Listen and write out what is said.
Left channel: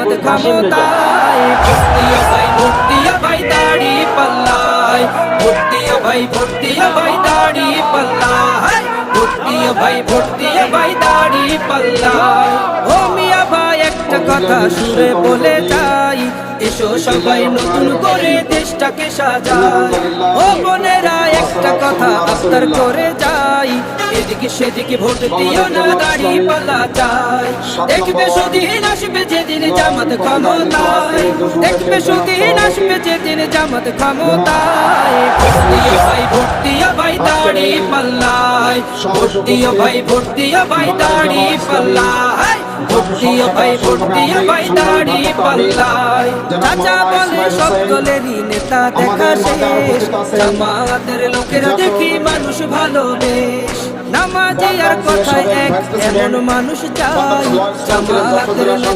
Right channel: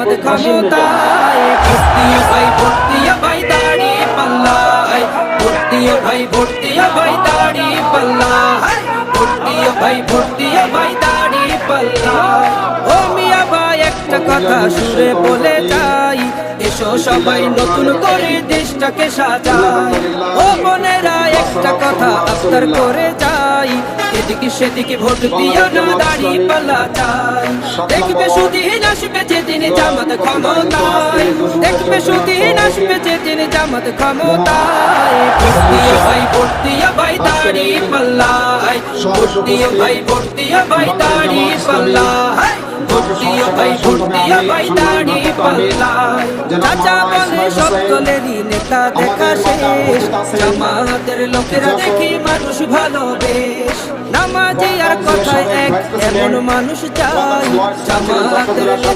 জামাত ক্ষমতায়। ভোট দিয়া ভাই, ভোট দিয়া ভাই দাড়ি পাল্লায়, ভোট দিয়া ভাই, ভোট দিয়া ভাই দাড়ি পাল্লায়, ভোট দিয়া ভাই, ভোট দিয়া ভাই দাড়ি পাল্লায়। ও মিয়া ভাই একটা কথা সুরে বলে যাই, এসো সবাই নতুন করে দেশটাকে সাজাই। ও বোনেরা একটা কথা আবদার করে যাই, এদিকে সেদিকে ভোট দিও না, দাড়ি পাল্লা চাই। দেখবে সুদিন আসবে যেদিন জামাত ক্ষমতায়, দেখবে সুদিন আসবে যেদিন জামাত ক্ষমতায়। ভোট দিও ভাই, ভোট দিও ভাই দাড়ি পাল্লায়, ভোট দিও ভাই, ভোট দিও ভাই দাড়ি পাল্লায়, ভোট দিও ভাই, ভোট দিও ভাই দাড়ি পাল্লায়। চাচা বলে সব দলেরই নেতা দেখা শেষ, জামাতের লোকেরা দেখি মানুষ ভালো বেশ। নামাজি আর কথায় এক এমন মানুষ চাই, জামাতের নেতা